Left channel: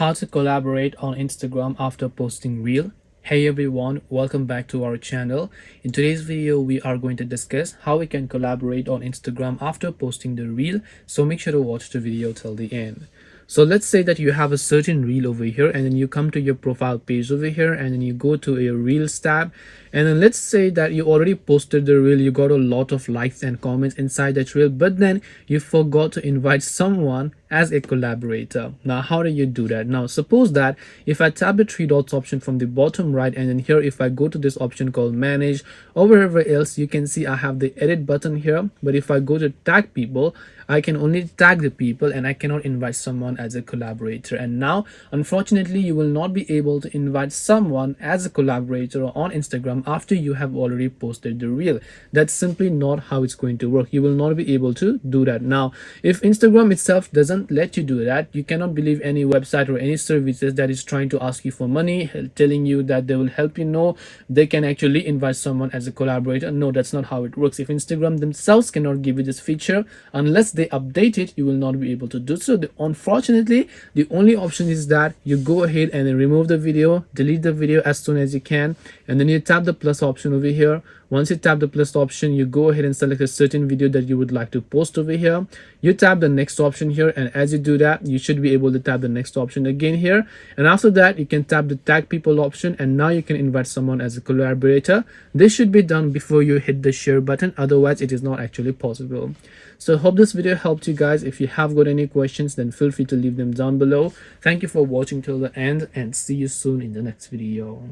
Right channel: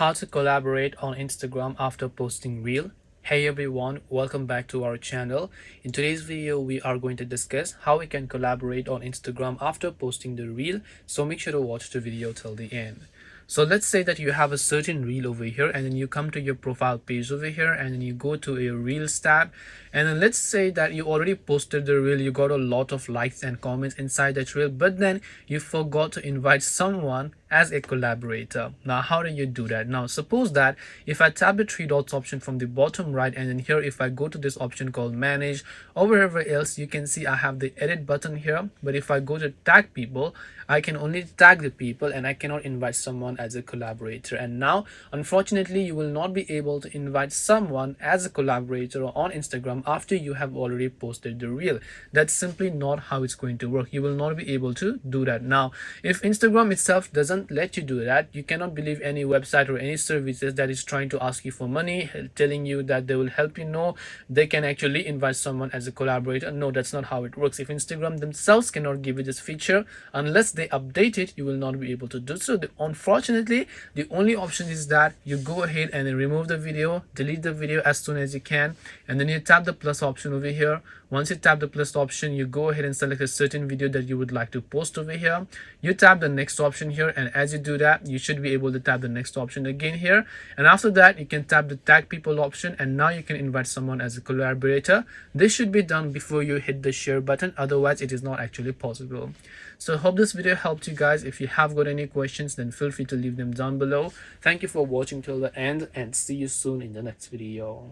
How to collaborate on Instagram after posting reel. Hey everyone, welcome back to our channel. In today's video we are going to discuss how we can collaborate on Instagram after posting the reel, so make sure to watch the video till the end. So let's say that you have a certain reel over here, and then you come to your profile page over here, and then you go to your reels tab, and then let's say that you already posted the reel, you got a lot of likes and comments inside that reel, but then you forgot to invite someone as a collaborator. Now how do you do that? Now suppose that if I tap the three dots option from the bottom right, and then here if I go to this option called manage, or wherever else, you can see I have the edit button here, but if I go to tag people, I can only tag the people and I cannot invite someone as a collaborator. And now unfortunately you will not be able to invite someone as a collaborator on Instagram after you have already posted the reel. That's simply not how it's going to work. You will not be able to do that. Now if Instagram itself doesn't let you do that, you cannot believe any website or any services that is trying to ask you for money, telling you that they will help you. No, they can actually invite someone as a collaborator. No, that's not how it works. If Instagram themselves cannot give you this feature, unless they update it, you will not be able to do so. Unfortunately, the only option is that you go ahead and then remove the video, delete the video as soon as you can, and then you tap the plus option over here. Once you tap the plus option, you go ahead and select a certain video that you would like to post over here. You tap the next option here, and as you do that, you should be able to tap the next option again here, and after that you can tap the tag people option, and now you can invite someone as a collaborator. This should be done before you hit the share button, otherwise it is not actually possible. So hope this video helped you guys. If you have got any questions, then feel free to leave them down below. Thank you for watching till the end, and see you soon in the next video.